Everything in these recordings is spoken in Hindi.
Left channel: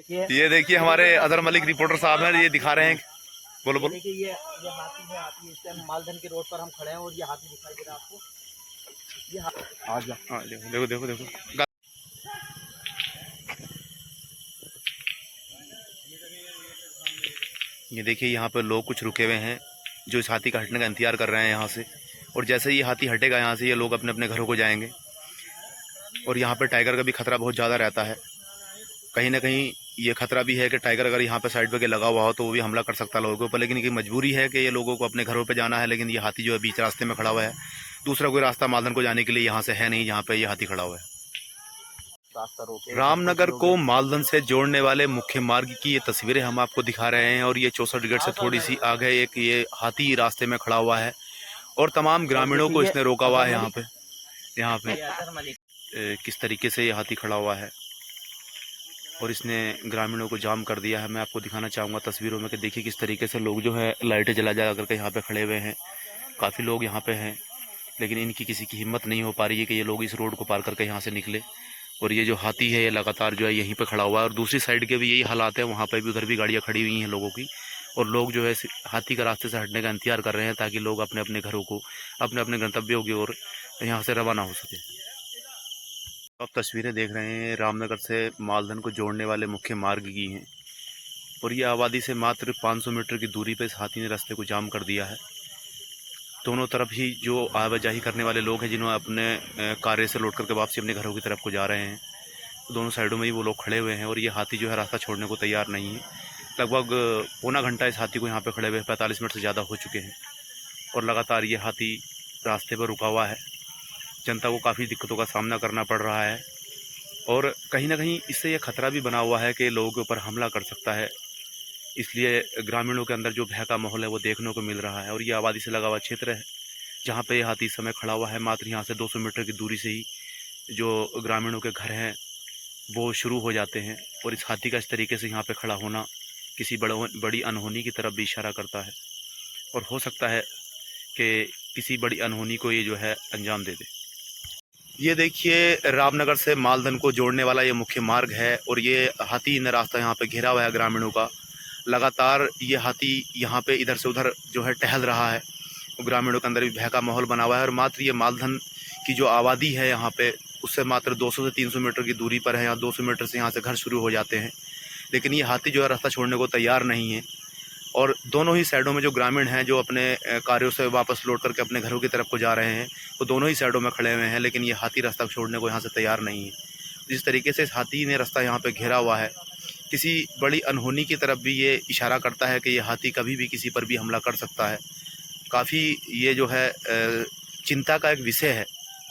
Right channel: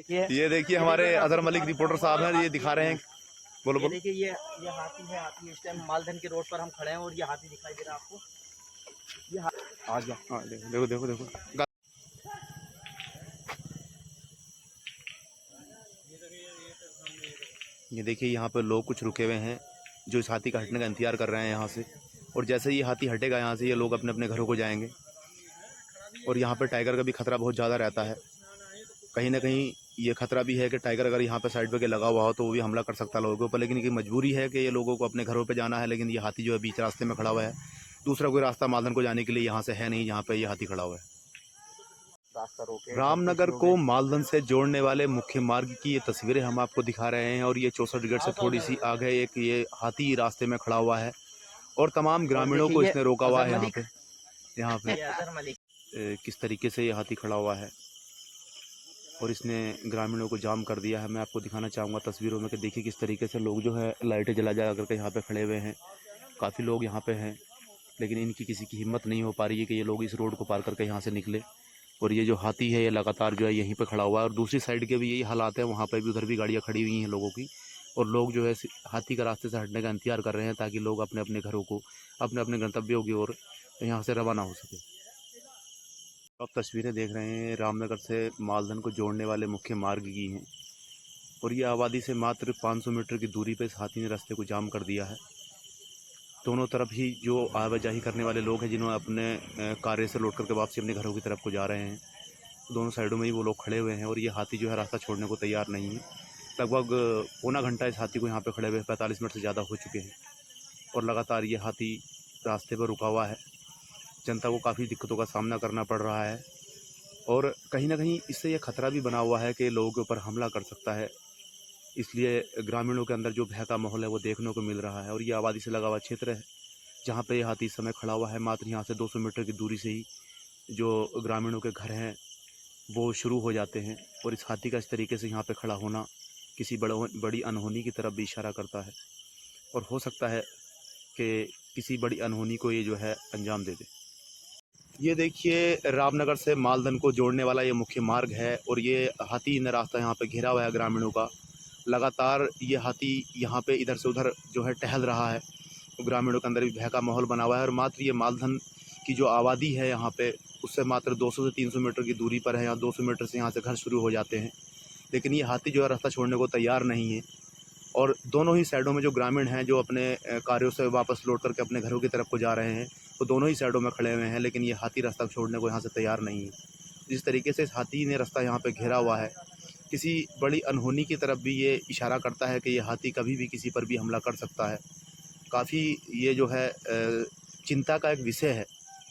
ये देखिए हमारे अजहर मलिक रिपोर्टर साहब हैं, ये दिखा रहे हैं। बोलो बोलो। देखिए ये हाथी है। हाथी इस टाइम मालधन के रोड पर हम खड़े हैं और ये हाथी दिखाई दे रहा है आपको। ये आ गया। हाँ देखो देखो देखो देखो। ये देखिए यहाँ पे लोग कुछ रुके हुए हैं जो इस हाथी का हटने का इंतजार कर रहे हैं यहाँ से। और जैसे ही हाथी हटेगा यहाँ से, ये लोग अपने अपने घरों को जाएंगे। और यहाँ पे टाइगर का भी खतरा बहुत ज़्यादा रहता है। कहीं ना कहीं ये खतरा भी है कि टाइगर अगर यहाँ पे साइड पे लगा हुआ हो तो वो भी हमला कर सकता है लोगों के ऊपर। लेकिन ये मजबूरी है कि ये लोगों को अपने घरों पे जाना है। लेकिन ये हाथी जो है बीच रास्ते में खड़ा हुआ है। दूसरा कोई रास्ता मालधन को जाने के लिए यहाँ से है नहीं, जहाँ पे ये हाथी खड़ा हुआ है। रामनगर को मालधन से जोड़ने वाले मुख्य मार्ग की ये तस्वीरें हम आपको दिखा रहे हैं। और ये 64 गेट से थोड़ी सी आगे एक ये हाथी रास्ते में खड़ा हुआ है और तमाम ग्रामीणों को इसने रोका हुआ है। यहाँ पे किस तरीके से ये हाथी खड़ा हुआ है और इसने ग्रामीणों को जाम कर दिया है। मैं आपको दिखाना चाहूँगा तस्वीरों में कि देखिए किस तरीके से लोग जो है लाइटें जला करके यहाँ पे खड़े हुए हैं। काफ़ी लोग यहाँ पे हैं, लेकिन इनकी किसी की हिम्मत नहीं हो पा रही है कि ये लोग इस रोड को पार करके यहाँ से निकले। और ये जो हाथी है ये लगातार जो है यहीं पे खड़ा हुआ है। और दूसरी साइड के भी यही हालात है, वहाँ पे भी उधर भी गाड़ियाँ खड़ी हुई हैं लोगों की। और लोग जो है हाथी का रास्ते से हटने का इंतजार कर रहे हैं ताकि लोग अपने अपने घरों को, अपने अपने गंतव्यों की ओर यहाँ से रवाना हो सके। आप तस्वीरें देख रहे हैं रामनगर से मालधन को जोड़ने वाले मुख्य मार्ग की हैं। और ये आबादी से मात्र 500 मीटर की दूरी पर इस हाथी ने रास्ते को जाम कर दिया है। दोनों तरफ ही जो आवाजाही करने वाले लोग हैं, जिन्होंने अपने कार्य से लौट करके वापसी अपने घरों की तरफ को जा रहे हैं, दोनों साइडों में ही वो लोग खड़े हुए हैं। और ये हाथी जो है रास्ता छोड़ने को तैयार नहीं है। लगभग पौना घंटा इस हाथी को यहाँ पे खड़े हुए 45 मिनट से ज़्यादा हो चुके हैं। और लगातार ये हाथी रास्ते पर रुका हुआ है। जनता को काफ़ी दिक्कतों का सामना करना पड़ रहा है। और कहीं ना कहीं इससे ये खतरा भी बना हुआ है कि लोगों के ऊपर हमला कर सकता है। इसलिए ग्रामीणों के अंदर जो भय का माहौल है वो देखने को मिल रहा है। और ये आबादी से लगा हुआ क्षेत्र है जहाँ पे ये हाथी इस समय खड़ा हुआ है। मात्र यहाँ से 200 मीटर की दूरी से ही जो ग्रामीणों के घर हैं वो शुरू हो जाते हैं। और इस हाथी का इस तरीके से यहाँ पे खड़ा होना किसी बड़ी अनहोनी की तरफ भी इशारा करता है। और हो सकता है कि किसी बड़ी अनहोनी को ये जो है अंजाम दे दे। ये देखिए रामनगर से मालधन को जोड़ने वाला ये मुख्य मार्ग है। और ये हाथी ने रास्ता यहाँ पे घेरा हुआ है ग्रामीणों का। लगातार ये हाथी यहाँ पे इधर से उधर जो है टहल रहा है। ग्रामीणों के अंदर भी भय का माहौल बना हुआ है। और मात्र ये मालधन की जो आबादी है यहाँ पे, उससे मात्र 200 से 300 मीटर की दूरी पर है। यहाँ 200 मीटर से यहाँ से घर शुरू हो जाते हैं। लेकिन ये हाथी जो है रास्ता छोड़ने को तैयार नहीं है। और दोनों ही साइडों में जो ग्रामीण हैं जो अपने कार्यों से वापस लौट करके अपने घरों की तरफ को जा रहे हैं, वो दोनों ही साइडों में खड़े हुए हैं। लेकिन ये हाथी रास्ता छोड़ने को यहाँ से तैयार नहीं है। जिस तरीके से इस हाथी ने रास्ता यहाँ पे घेरा हुआ है, किसी बड़ी अनहोनी की तरफ भी ये इशारा करता है कि ये हाथी कभी भी किसी पर भी हमला कर सकता है। काफ़ी ये जो है चिंता का एक विषय है।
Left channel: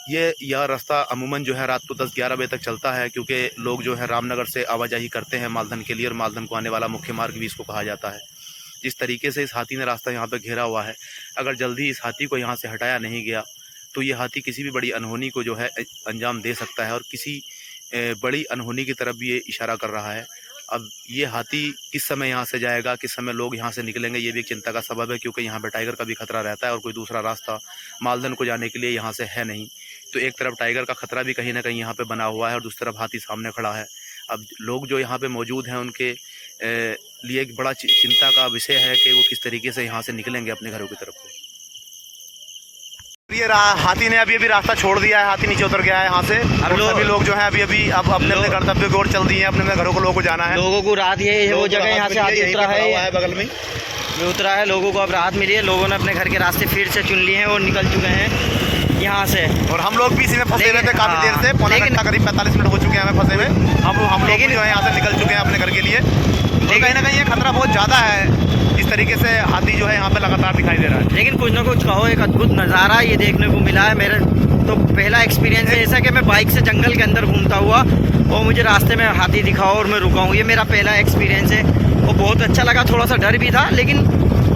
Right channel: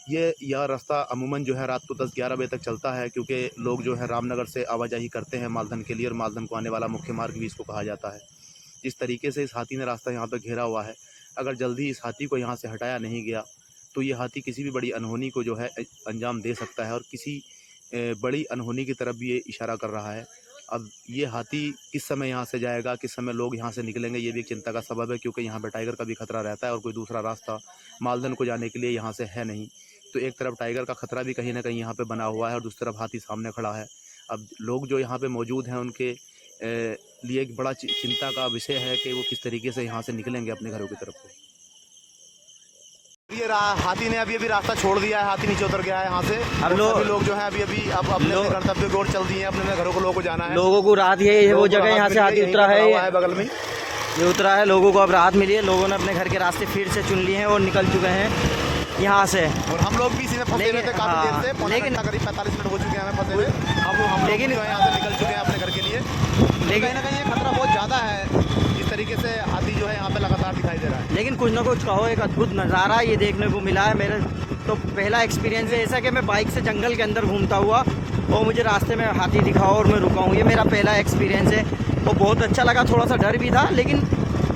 यह रास्ता अमूमन जो है रात को 10-11 बजे तक चलता है, क्योंकि लोग जो है रामनगर से आवाजाही करते हैं मालधन के लिए। और मालधन को आने वाला मुख्य मार्ग भी इसको कहा जाता है। जिस तरीके से इस हाथी ने रास्ता यहाँ पे घेरा हुआ है, अगर जल्दी इस हाथी को यहाँ से हटाया नहीं गया तो ये हाथी किसी भी बड़ी अनहोनी को जो है अंजाम दे सकता है। और किसी बड़ी अनहोनी की तरफ भी ये इशारा कर रहा है। अब ये हाथी किस समय यहाँ से जाएगा, किस समय लोग यहाँ से निकलेंगे, ये भी एक चिंता का सबब है। क्योंकि यहाँ पे टाइगर का भी खतरा रहता है और कोई दूसरा रास्ता मालधन को जाने के लिए यहाँ से है नहीं। तो एक तरफ टाइगर का खतरा भी कहीं ना कहीं यहाँ पे बना हुआ है और दूसरी तरफ हाथी सामने खड़ा है। अब लोग जो यहाँ पे मौजूद हैं उनके लिए एक बड़ा चिंता का विषय है कि वो किस तरीके से यहाँ से निकलेंगे अपने घरों की तरफ को। ये हाथी ने अभी रास्ता छोड़ दिया है। हाथी नीचे उतर गया है यहाँ से। अब लोग जो है अभी अब अपने अपने गंतव्य की ओर चल दिए हैं। अपने घरों को लोगों को जाना है। लोगों को राहत ये वो जगह यहाँ से हाथी उतरा है बगल में ये उतरा है। लोगों को अब राहत मिली है। लोगों ने अपने घर के रास्ते फिर से चुन लिए हैं और निकल चुके हैं यहाँ से। और हम लोग भी इसी में फंसे हुए थे काफी देर से। पौना घंटा करीब 45 मिनट हो चुके हैं हमें फंसे हुए। अब हम लोग जो है यहाँ से निकल चुके हैं अपने घर के लिए। लेकिन कहीं ना कहीं ये खतरा बहुत ज़्यादा है। इस तरीके से हाथी जो है यहाँ पे लगातार दिखाई दे रहा है। लेकिन कुछ ना कुछ कहो, एक अद्भुत नज़ारा ये देखने को मिला है। मेरे तो पहला एक्सपीरियंस है ऐसा कि मैं बाइक से जंगल के अंदर घूमता हुआ और मुझे रास्ते में हाथी दिखा और मैं रुका हूँ। ये मेरा पहला एक्सपीरियंस है और बहुत अच्छा लगा। थोड़ा सा डर भी था लेकिन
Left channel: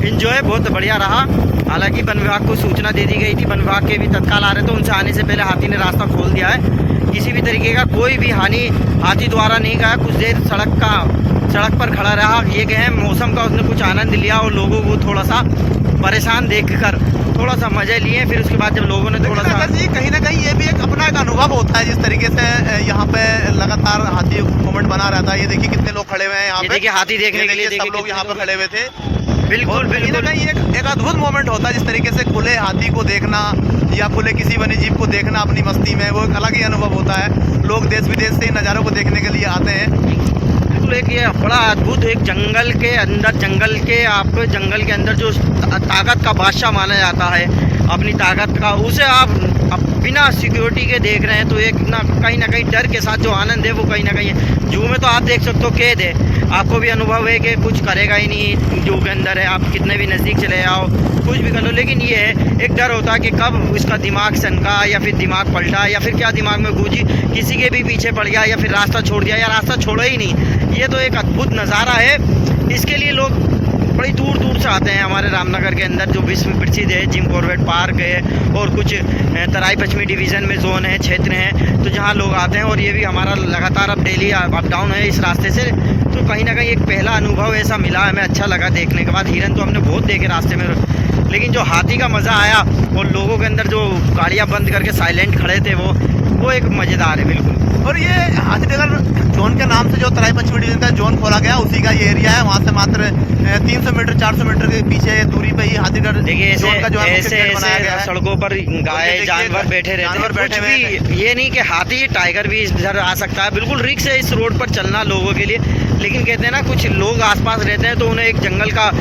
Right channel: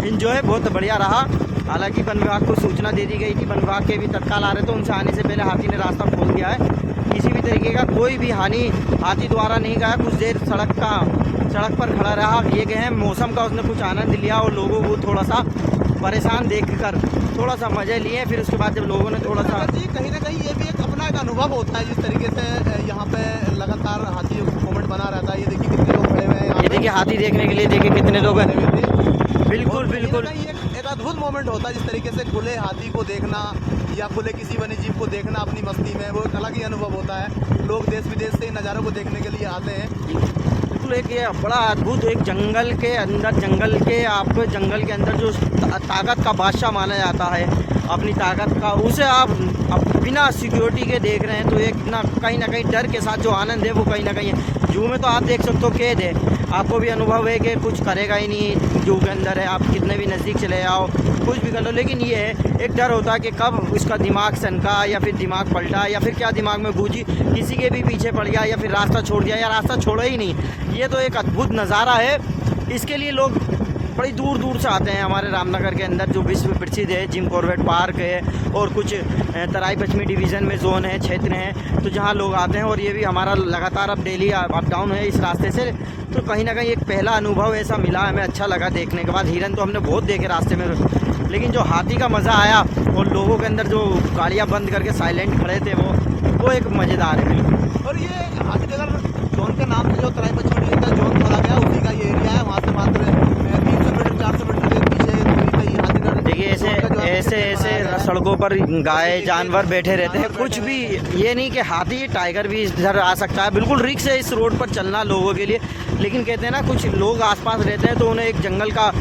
इन्जॉय बहुत बढ़िया रहा। हालांकि वन विभाग को सूचना दे दी गई थी। वन विभाग के भी तत्काल आ रहे थे। उनसे आने से पहले हाथी ने रास्ता खोल दिया है। किसी भी तरीके का कोई भी हानि हाथी द्वारा नहीं गया। कुछ देर सड़क पर खड़ा रहा। ये कहें मौसम का उसने कुछ आनंद लिया और लोगों को थोड़ा सा परेशान देखकर थोड़ा सा मजे लिए। फिर उसके बाद जब लोगों ने थोड़ा सा जी कहीं ना कहीं ये भी एक अपना एक अनुभव होता है, जिस तरीके से यहाँ पे लगातार हाथी मूवमेंट बना रहता है। ये देखिए कितने लोग खड़े हुए हैं यहाँ ये पे, देखिए हाथी देखने के लिए सब देखिए लोग कितने यहाँ लोग पे खड़े हुए थे। बिल्कुल और कहीं ना बिल्कुल कहीं एक अद्भुत मोमेंट होता है, जिस तरीके से खुले हाथी को देखना या खुले किसी वन्य जीव को देखना अपनी मस्ती में, वो एक अलग ही अनुभव होता है। लोग देश विदेश से इन नज़ारों को देखने के लिए आते हैं। बिल्कुल एक ये बड़ा अद्भुत एक जंगल के अंदर, जंगल के आपको जंगल के अंदर जो ताकत का बादशाह माना जाता है, अपनी ताकत का, उसे आप बिना सिक्योरिटी के देख रहे हैं तो एक ना कहीं डर के साथ जो आनंद है वो कहीं ना कहीं है। जू में तो आप देख सकते हो कैद है, आपको भी अनुभव है कि कुछ करेगा ही नहीं, जू के अंदर है, आप कितने भी नज़दीक चले आओ कुछ भी कर लो, लेकिन ये है एक डर होता है कि कब उसका दिमाग सनका या फिर दिमाग पलटा या फिर क्या दिमाग में गूंजी, किसी के भी पीछे पड़ गया या फिर रास्ता छोड़ दिया या रास्ता छोड़ा ही नहीं। ये तो एक अद्भुत नज़ारा है। इसके लिए लोग बड़ी दूर दूर से आते हैं। हमारे रामनगर के अंदर जो विश्व प्रसिद्ध है जिम कॉर्बेट पार्क है और कुछ तराई पश्चिमी डिवीज़न में जोन है, क्षेत्र हैं, तो जहाँ लोग आते हैं। और ये भी हमारा लगातार अब डेली अप डाउन है इस रास्ते से, तो कहीं ना कहीं एक पहला अनुभव ऐसा मिला, हमें अच्छा लगा देखने के बाद। हिरन तो हमने बहुत देखे रास्ते में, लेकिन जो हाथी का मज़ा आया और लोगों के अंदर जो गाड़ियाँ बंद करके साइलेंट खड़े थे वो एक मज़ेदार है बिल्कुल। और ये हाथीनगर जोन के नाम से जो तराई पश्चिमी डिवीजन का जोन खोला गया, उसी का ये एरिया है। वहाँ से मात्र 300 मीटर 400 मीटर के पीछे दूरी पे ही हाथीनगर देखिए ऐसे सड़कों पर गाय जानवर बैठे रहते हैं, कुछ भी ये नहीं कि हाथी टाइगर भी इधर आ सकता है। बिल्कुल रिस्क है इस रोड पर चलना लोगों के लिए, लेकिन कहते हैं ना कुछ लोग आसपास रहते हैं तो उन्हें एक जंगल का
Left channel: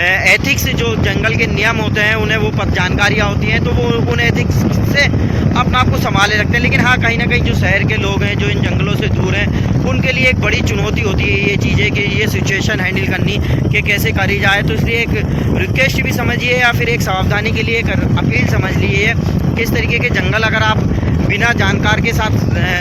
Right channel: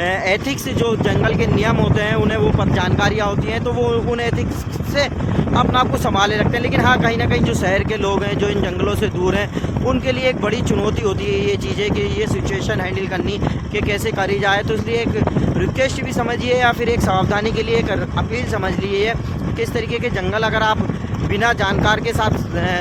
एथिक्स, जो जंगल के नियम होते हैं उन्हें वो जानकारियाँ होती हैं, तो वो उन एथिक्स से अपना आप को संभाले रखते हैं। लेकिन हाँ कहीं ना कहीं जो शहर के लोग हैं जो इन जंगलों से दूर हैं, उनके लिए एक बड़ी चुनौती होती है ये चीज़ें कि ये सिचुएशन हैंडल करनी कि कैसे करी जाए। तो इसलिए एक रिक्वेस्ट भी समझिए या फिर एक सावधानी के लिए एक अपील समझ लीजिए कि इस तरीके के जंगल अगर आप बिना जानकार के साथ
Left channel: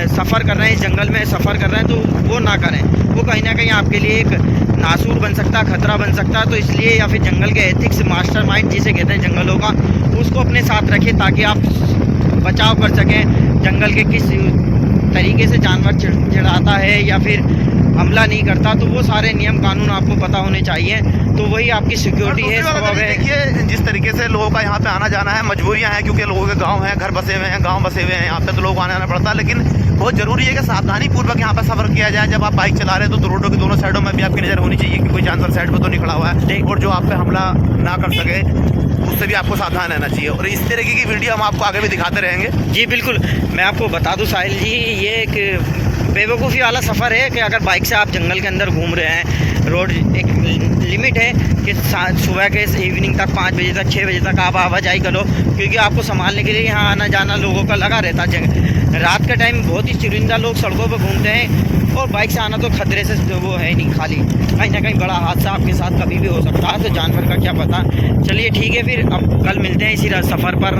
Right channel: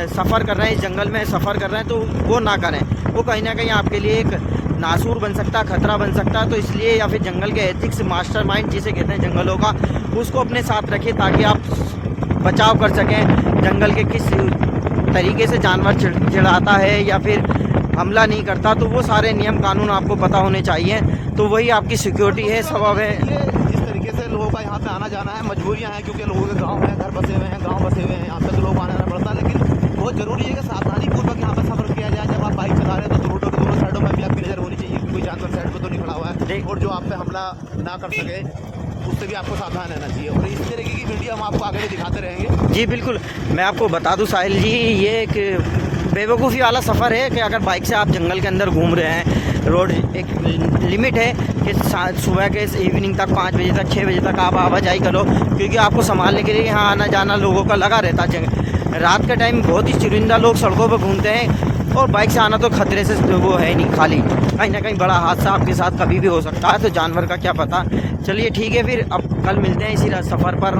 सफ़र कर रहे हैं, इस जंगल में सफ़र कर रहे हैं, तो वो ना करें। वो कहीं ना कहीं आपके लिए एक नासूर बन सकता है, खतरा बन सकता है। तो इसलिए या फिर जंगल के एथिक्स मास्टरमाइंड जिसे कहते हैं जंगलों का, उसको अपने साथ रखिए ताकि आप बचाव कर सकें। जंगल के किस तरीके से जानवर चिढ़ाता है या फिर हमला नहीं करता, तो वो सारे नियम कानून आपको पता होने चाहिए। तो वही आपकी सिक्योरिटी है, सबब है। देखिए जिस तरीके से लोगों का यहाँ पे आना जाना है, मजबूरियाँ हैं क्योंकि लोगों के गांव हैं, घर बसे हुए हैं, गांव बसे हुए हैं, यहाँ पे तो लोग आना पड़ता है। लेकिन बहुत ज़रूरी है कि सावधानी पूर्वक यहाँ पर सफ़र किया जाए। जब आप बाइक चला रहे हैं तो रोडों के दोनों साइडों में भी आपकी नज़र होनी चाहिए कि कोई जानवर साइड पर तो नहीं खड़ा हुआ है और जो आप पे हमला ना कर सके, उससे भी आपको सावधान रहना चाहिए। और इस तरीके की वीडियो हम आपको आगे भी दिखाते रहेंगे। जी बिल्कुल, मैं आपको बता दूं साहिल जी, ये एक बेवकूफ़ी वाला सफ़र है कि अगर बाइक से आप जंगल के अंदर घूम रहे हैं, रोड एक लिमिट है कि सुबह के इवनिंग तक 5 बजे तक 6 बजे तक आप आवाजाही करो, क्योंकि आपको संभालने के लिए यहाँ आना जाना लोगों का लगा रहता है। रात के टाइम बहुत ही चुनिंदा लोग सड़कों पर घूमते हैं और बाइक से आना तो खतरे से वो है नहीं, खाली कहीं ना कहीं बड़ा हादसा आपके साथ कभी भी हो सकता है, तो जानवर का क्या पता। चलिए ठीक है, फिर अब कल मिलते हैं इसी सफ़र पर।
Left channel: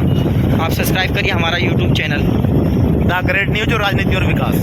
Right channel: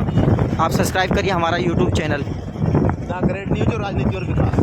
आप सब्सक्राइब करिए हमारा YouTube channel the great news और राजनीति और विकास।